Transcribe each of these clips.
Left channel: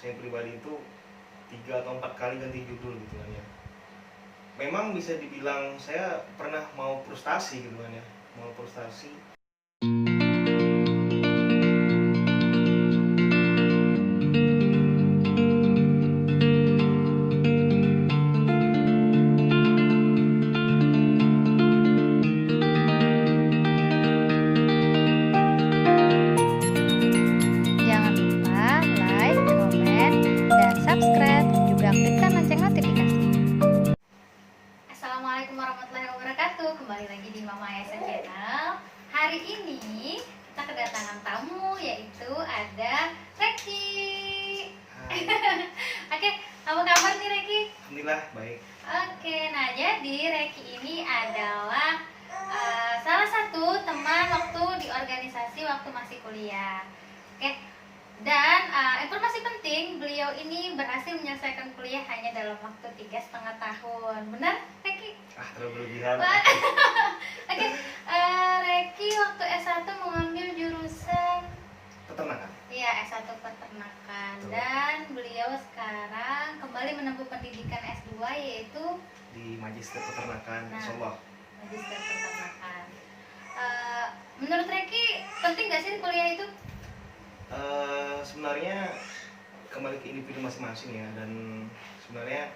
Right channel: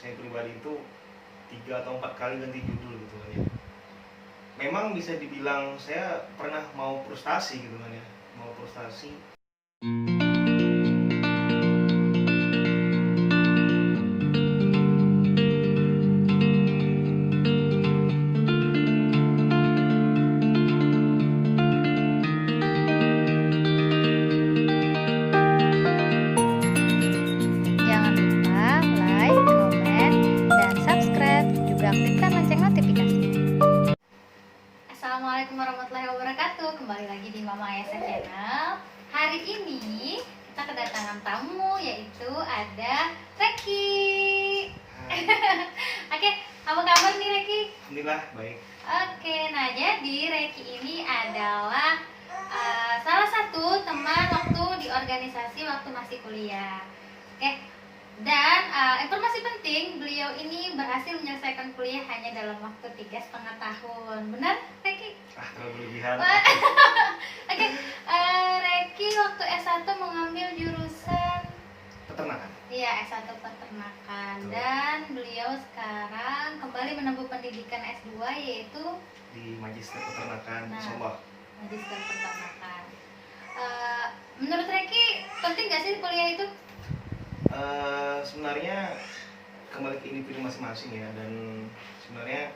saya pribadi itu 3 atau 4 kali ganti judul gitu kan ya. Memang bisa dibilang saya pernah mau frustasi gitu kan ya, mau frustasi. Jangan lupa like, komen, dan subscribe. Juga aktifkan lonceng notifikasi. Assalamualaikum warahmatullahi wabarakatuh. Kembali lagi di Mama Ayasa Channel. Hari ini kita kedatangan tamu, yaitu ada Reki. Oke, apa kabar nih Reki? Alhamdulillah baik. Oke, nah jadi Reki ini adalah salah satu teman waktu di organisasi waktu masih kuliah. Oke, dan informasi penting, beliau ini berhasil menyelesaikan kuliah hanya dalam waktu 3,5 tahun. Benar, Reki? Terlalu berlebihan. Oke, Reki waktu S1 mengambil jurusan Peternakan. Iya, S1 peternakan. Dan beliau sekarang kembali menempuh pendidikan S2 yaitu Di Magister Peternakan, Nah. Insyaallah. Magister peternakan. Menurut Reki penting gak sih kuliah itu? Sebenarnya kembali ke individu masing-masing ya, dan sebenarnya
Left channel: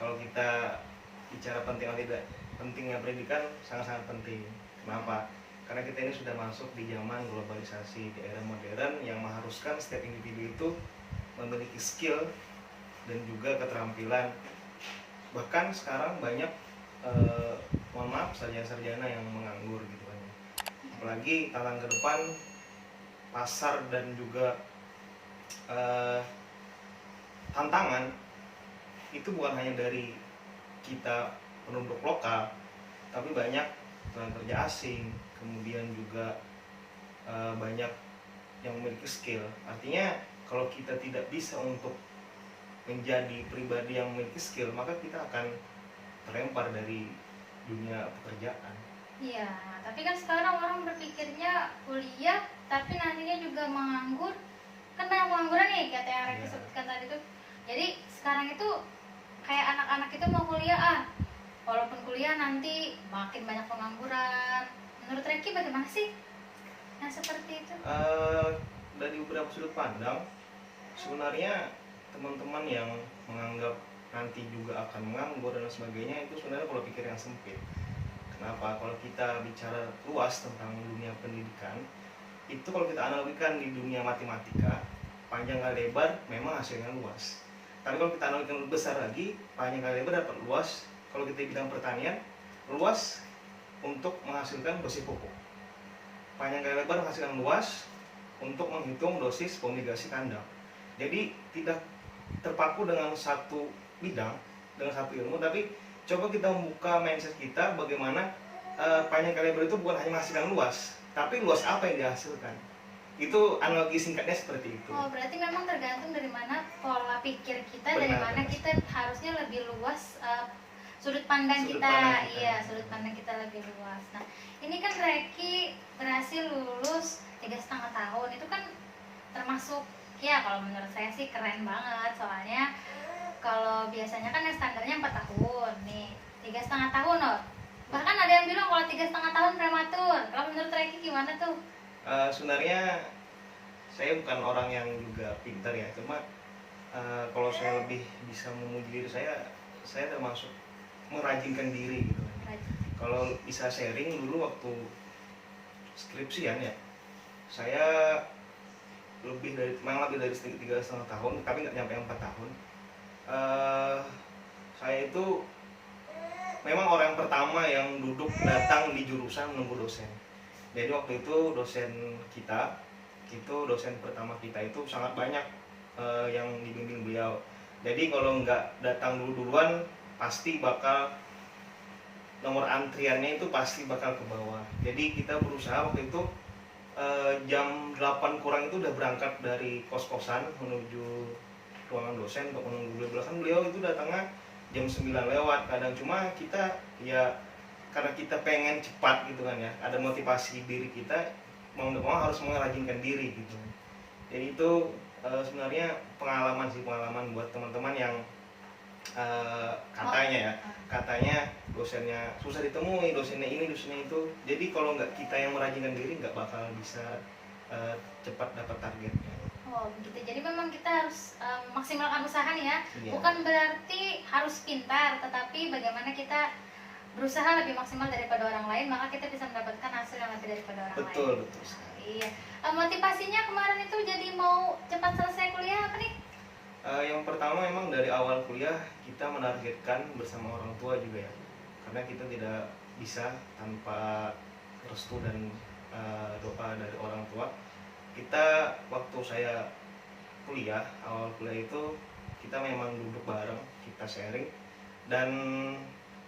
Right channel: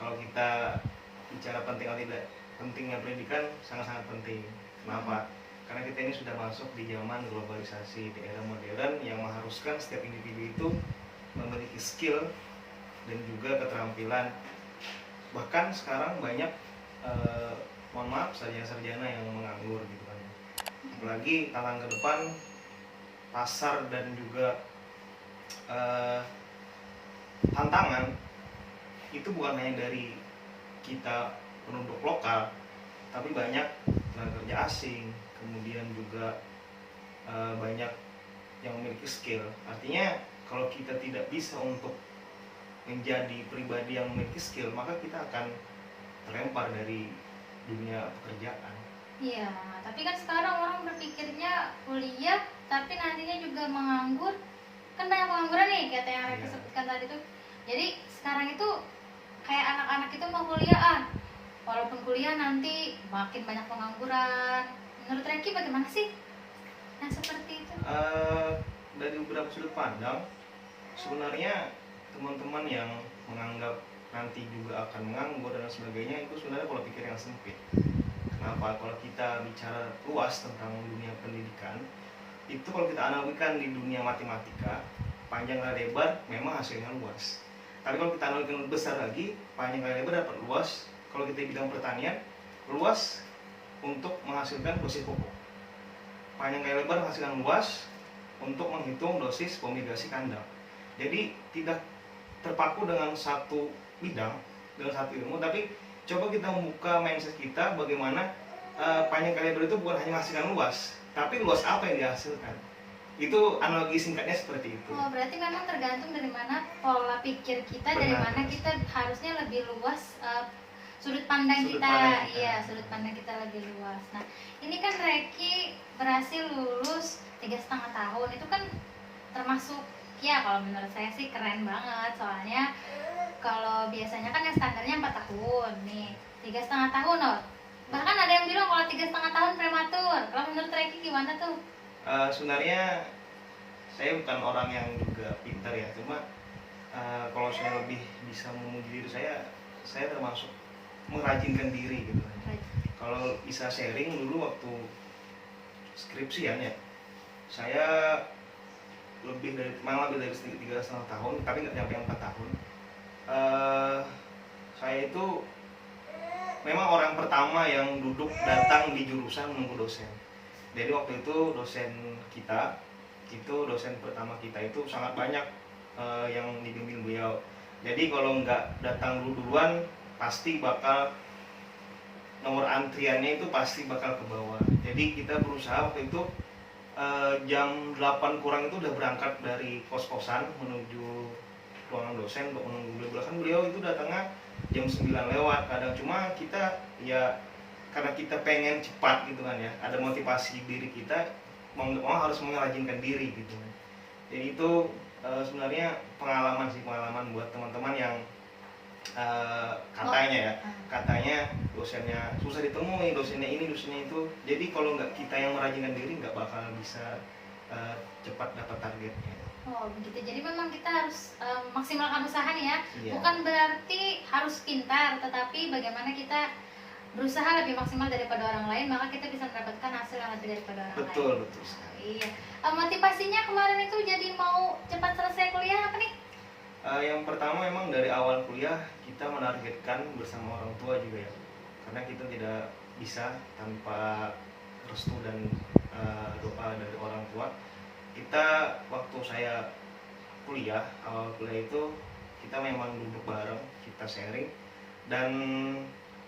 kalau kita bicara penting atau tidak pentingnya pendidikan sangat-sangat penting. Kenapa? Karena kita ini sudah masuk di zaman globalisasi, di era modern yang mengharuskan setiap individu itu memiliki skill dan juga keterampilan. Bahkan sekarang banyak mohon maaf sarjana-sarjana yang menganggur gitu kan. Apalagi tantangan ke depan pasar dan juga tantangan itu bukan hanya dari kita penduduk lokal, tapi banyak tenaga kerja asing, kemudian juga banyak yang memiliki skill. Artinya kalau kita tidak bisa untuk menjadi pribadi yang memiliki skill, maka kita akan terlempar dari dunia pekerjaan. Iya, tapi kan sekarang orang berpikirnya kuliah tapi nantinya juga menganggur. Kan banyak pengangguran nih, kata yang Reki Iya. sebutkan tadi tuh. Jadi sekarang itu kayak anak-anak itu mau kuliah, walaupun kuliah nanti makin banyak pengangguran. Menurut Reki bagaimana sih yang seperti itu? Dari beberapa sudut pandang, sebenarnya teman-teman yang menganggap nanti juga akan menganggur dan sebagainya itu sebenarnya kalau pikir yang sempit. Kenapa? Kalau kita bicara luas tentang dunia pendidikan, itu kalau kita analogikan di dunia matematika, panjang kali lebar memang hasilnya luas. Tapi kalau kita analogikan lebih besar lagi, panjang kali lebar dapat luas. Kalau kita bidang pertanian, luas untuk menghasilkan dosis pupuk. Panjang kali lebar menghasilkan luas untuk menghitung dosis fumigasi kandang. Jadi tidak terpaku dengan satu bidang, dengan satu ilmu, tapi coba kita membuka mindset kita bagaimana panjang kali lebar itu bukan hanya menghasilkan luas, tapi luas apa yang dihasilkan. Itu analogi singkatnya seperti itu. Oh, berarti memang tergantung dari mana pola pikir kita, dari Benar. mana kita harusnya lebih luas sudut pandang Sudut kita. pandang kita. Iya, sudut pandang kita lebih luas. Nah, ini kan Reki berhasil lulus 3,5 tahun. Itu kan termasuk, ya kalau menurut saya sih keren banget. Soalnya kalau biasanya kan yang standarnya 4 tahun nih, 3,5 tahun loh. Bahkan ada yang bilang kalau 3,5 tahun prematur. Kalau menurut Reki gimana tuh? Sebenarnya saya bukan orang yang juga pintar ya, cuma kalau saya lebih bisa memuji diri saya termasuk merajinkan diri gitu. Kalau bisa sharing dulu waktu skripsian ya, saya lebih dari 3,5 tahun, tapi nggak nyampe 4 tahun. Saya itu memang orang pertama yang duduk datang di jurusan menunggu dosen. Jadi waktu itu dosen pertama kita itu sangat banyak yang dibimbing beliau. Jadi kalau nggak datang duluan pasti bakal nomor antriannya itu pasti bakal ke bawah. Jadi kita berusaha waktu itu jam 8 kurang itu udah berangkat dari kos-kosan menuju ruangan dosen untuk menunggu beliau. Belakang beliau itu datangnya jam 9 lewat kadang, cuma kita ya karena kita pengen cepat gitu kan ya, ada motivasi diri kita mau nggak mau harus mengerajinkan diri gitu. Jadi itu Sebenarnya pengalaman buat teman-teman yang katanya ya, katanya dosennya susah ditemui, dosennya ini, dosennya itu. Jadi kalau nggak kita yang merajinkan diri nggak bakal bisa cepat dapat targetnya. Oh begitu, jadi memang kita harus maksimalkan usaha nih ya. Iya. Bukan berarti harus pintar, tetapi bagaimana kita berusaha lebih maksimal daripada orang lain, maka kita bisa mendapatkan hasil yang lebih daripada orang lain. Betul sekali. Iya. Motivasinya kemarin itu jadi mau cepat selesai kuliah apa nih? Yang pertama memang dari awal kuliah kita menargetkan bersama orang tua juga ya, karena kita tidak bisa tanpa restu dan doa dari orang tua. Kita waktu saya awal kuliah itu kita memang duduk bareng, kita sharing, dan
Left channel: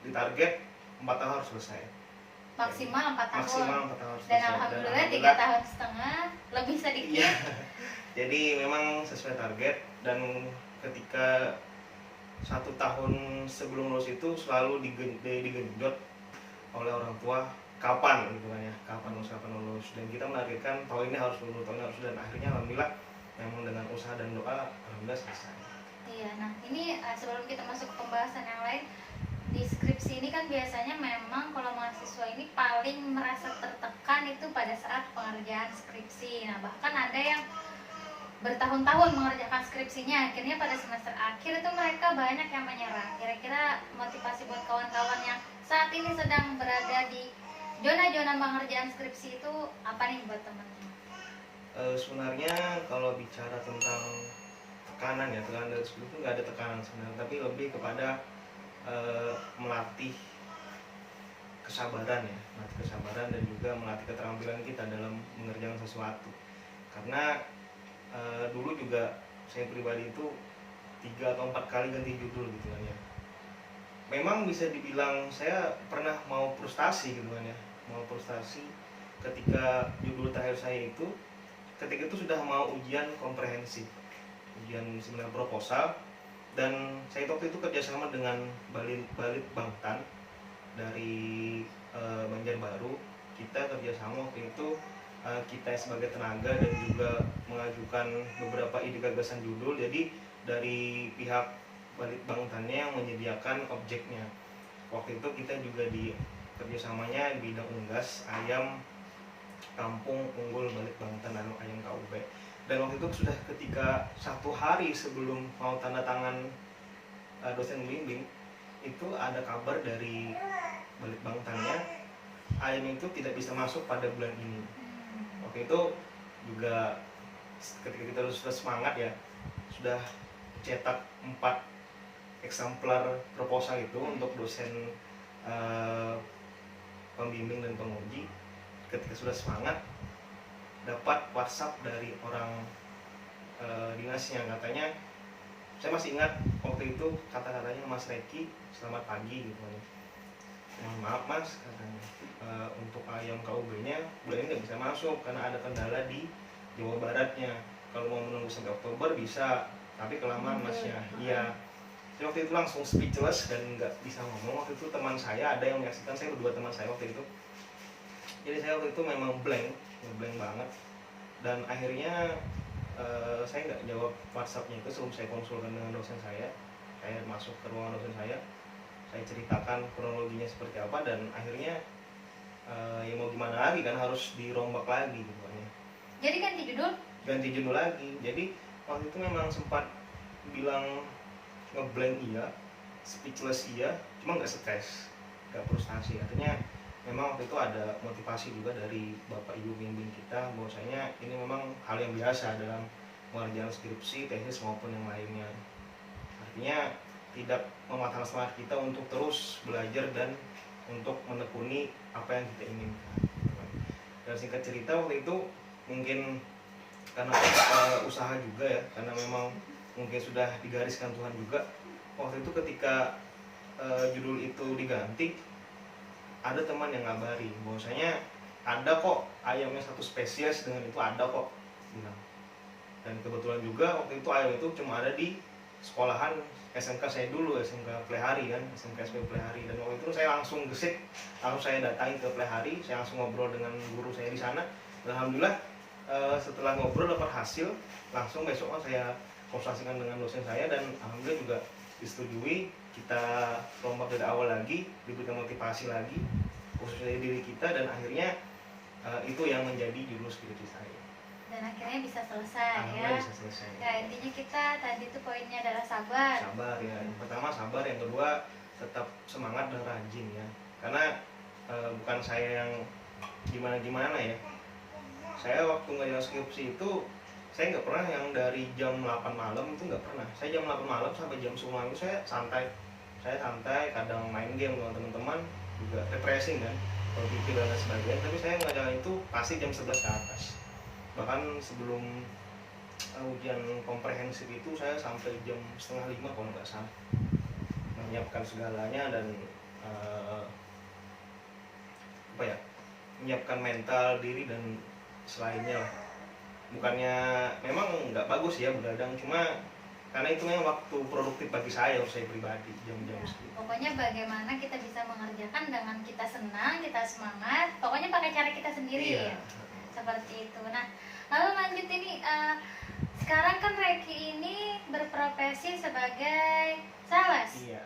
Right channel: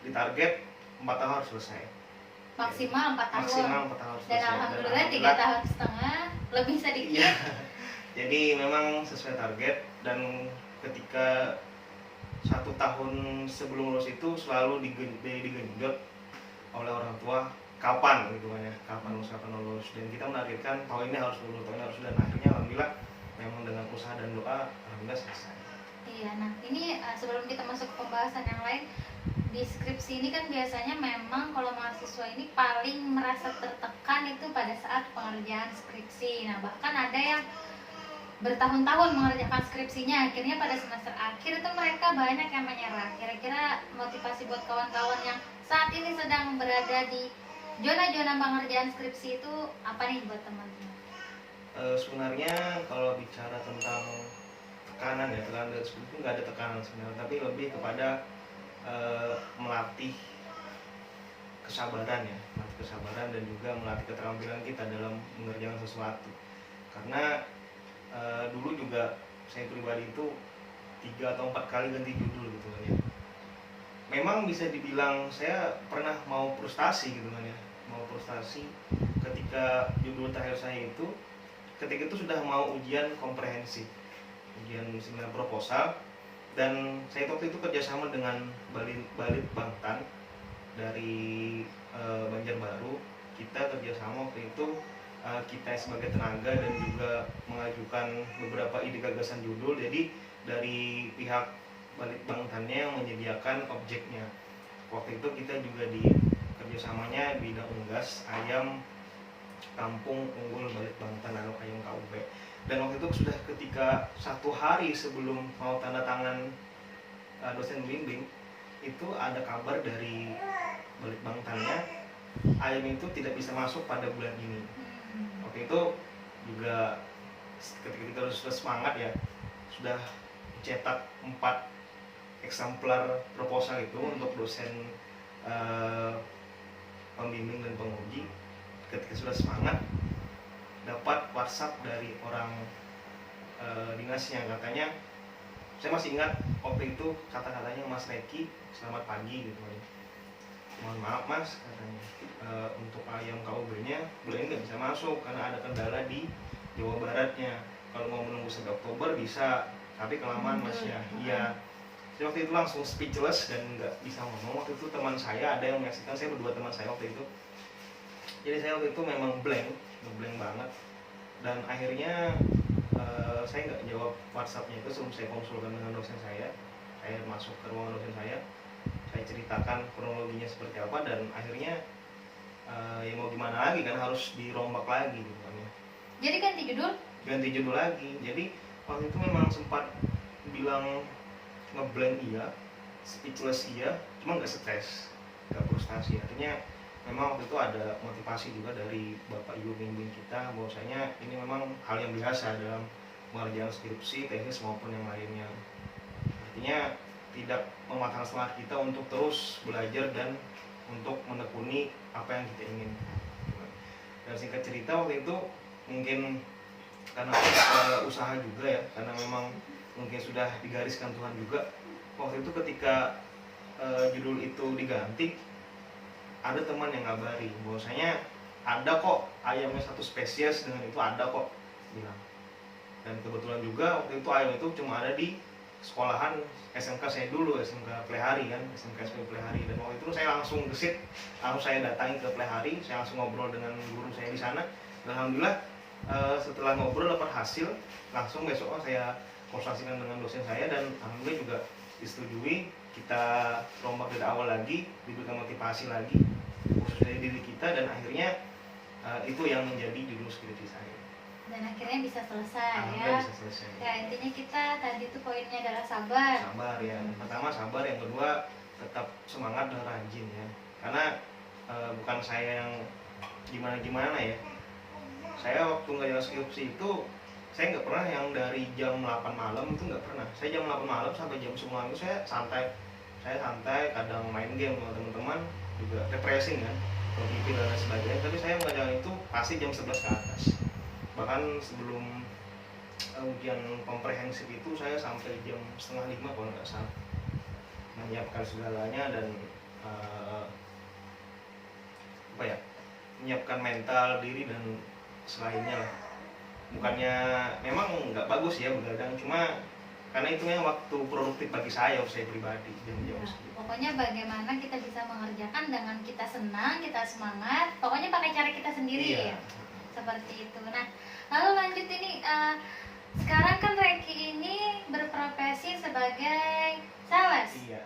ditarget 4 tahun harus selesai. Maksimal 4 tahun. Maksimal 4 tahun harus Dan selesai. alhamdulillah 3 tahun setengah, lebih sedikit. Iya. Jadi memang sesuai target, dan ketika 1 tahun sebelum lulus itu selalu digenjot oleh orang tua, kapan gitu ya, kapan usahakan lulus, dan kita menargetkan tahun ini harus lulus, tahun ini harus lulus, dan akhirnya alhamdulillah memang dengan usaha dan doa alhamdulillah selesai. Iya, nah ini sebelum kita masuk ke pembahasan yang lain, di skripsi ini kan biasanya memang kalau mahasiswa ini paling merasa tertekan itu pada saat pengerjaan skripsi. Nah bahkan ada yang bertahun-tahun mengerjakan skripsinya, akhirnya pada semester akhir itu mereka banyak yang menyerah. Kira-kira motivasi buat kawan-kawan yang saat ini sedang berada di zona-zona pengerjaan skripsi itu apa nih buat teman-teman? Sebenarnya kalau bicara tentang tekanan ya, tekanan dari skripsi itu nggak ada tekanan sebenarnya, tapi lebih kepada melatih kesabaran ya, melatih kesabaran dan juga melatih keterampilan kita dalam mengerjakan sesuatu. Karena dulu juga saya pribadi itu 3 atau 4 kali ganti judul gitu kan ya. Memang bisa dibilang saya pernah mau frustasi gitu kan ya, mau frustasi ketika judul terakhir saya itu, ketika itu sudah mau ujian komprehensif, ujian seminar proposal, dan saya waktu itu kerjasama dengan Balit Bangtan dari Banjarbaru. Kita kerjasama waktu itu, kita sebagai tenaga dan juga mengajukan beberapa ide gagasan judul. Jadi dari pihak Balit Bangtannya yang menyediakan objeknya. Waktu itu kita juga di kerjasamanya bidang unggas ayam kampung unggul Balit Bangtan anu ayam KUB. Dan waktu itu sudah ketika 1 hari sebelum mau tanda tangan dosen bimbing, itu ada kabar dari Balit Bangtannya ayam itu tidak bisa masuk pada bulan ini. Waktu itu juga ketika kita sudah semangat ya, sudah cetak 4 eksemplar proposal itu untuk dosen pembimbing dan penguji. Ketika sudah semangat, dapat WhatsApp dari orang dinasnya, katanya, saya masih ingat waktu itu kata-katanya, Mas Reki, selamat pagi gitu. Mohon maaf Mas, katanya, untuk ayam KUB-nya bulan ini nggak bisa masuk karena ada kendala di Jawa Baratnya. Kalau mau menunggu sampai Oktober bisa, tapi kelamaan Mas ya. Iya. Saya waktu itu langsung speechless dan nggak bisa ngomong. Waktu itu teman saya ada yang menyaksikan, saya berdua teman saya waktu itu. Jadi saya waktu itu memang blank banget. Dan akhirnya saya nggak jawab WhatsApp-nya itu sebelum saya konsulkan dengan dosen saya. Saya masuk ke ruangan dosen saya ceritakan kronologinya seperti apa, dan akhirnya ya mau gimana lagi kan, harus dirombak lagi gitu kan. Jadi ganti judul lagi. Jadi waktu itu memang sempat bilang ngeblank iya, speechless iya, cuma nggak stres, nggak frustasi. Akhirnya memang waktu itu ada motivasi juga dari Bapak Ibu bimbing kita, bahwasanya ini memang hal yang biasa dalam mengerjakan skripsi, tesis maupun yang lainnya. Artinya tidak mematahkan semangat kita untuk terus belajar dan untuk menekuni apa yang kita inginkan. Dan singkat cerita waktu itu mungkin karena usaha juga ya, karena memang mungkin sudah digariskan Tuhan juga. Waktu itu ketika judul itu diganti, ada teman yang ngabari bahwasanya ada kok ayamnya satu spesies dengan itu, ada kok bilang. Dan kebetulan juga waktu itu ayam itu cuma ada di sekolahan SMK saya dulu, SMK Plehari kan, SMK Plehari. Dan waktu itu saya langsung gesit, langsung saya datangi ke Plehari, saya langsung ngobrol dengan guru saya di sana. Dan alhamdulillah setelah ngobrol dapat hasil, langsung besoknya saya konsultasikan dengan dosen saya dan alhamdulillah juga disetujui. Kita rombak dari awal lagi, diberikan motivasi lagi khusus dari diri kita, dan akhirnya itu yang menjadi judul skripsi saya. Dan akhirnya bisa selesai ya. Alhamdulillah bisa selesai. Ya, intinya kita tadi tuh poinnya adalah sabar. Sabar ya. Yang pertama sabar, yang kedua tetap semangat dan rajin ya. Karena bukan saya yang gimana-gimana ya. Saya waktu ngerjain skripsi itu saya nggak pernah yang dari jam 8 malam itu nggak pernah. Saya jam 8 malam sampai jam 10 malam itu saya santai. Saya santai, kadang main game sama teman-teman, juga refreshing kan, komputer dan sebagainya. Tapi saya mengerjakan itu pasti jam 11 ke atas. Bahkan sebelum ujian komprehensif itu saya sampai jam setengah 5 kalau nggak salah, menyiapkan segalanya dan apa ya, menyiapkan mental diri dan selainnya. Bukannya memang nggak bagus ya begadang, cuma karena itu memang waktu produktif bagi saya pribadi, jam-jam Ya, segitu. pokoknya bagaimana kita bisa mengerjakan dengan kita senang, kita semangat, pokoknya pakai cara kita sendiri Iya. ya, seperti itu. Nah, lalu lanjut ini, sekarang kan Reki ini berprofesi sebagai sales. Iya.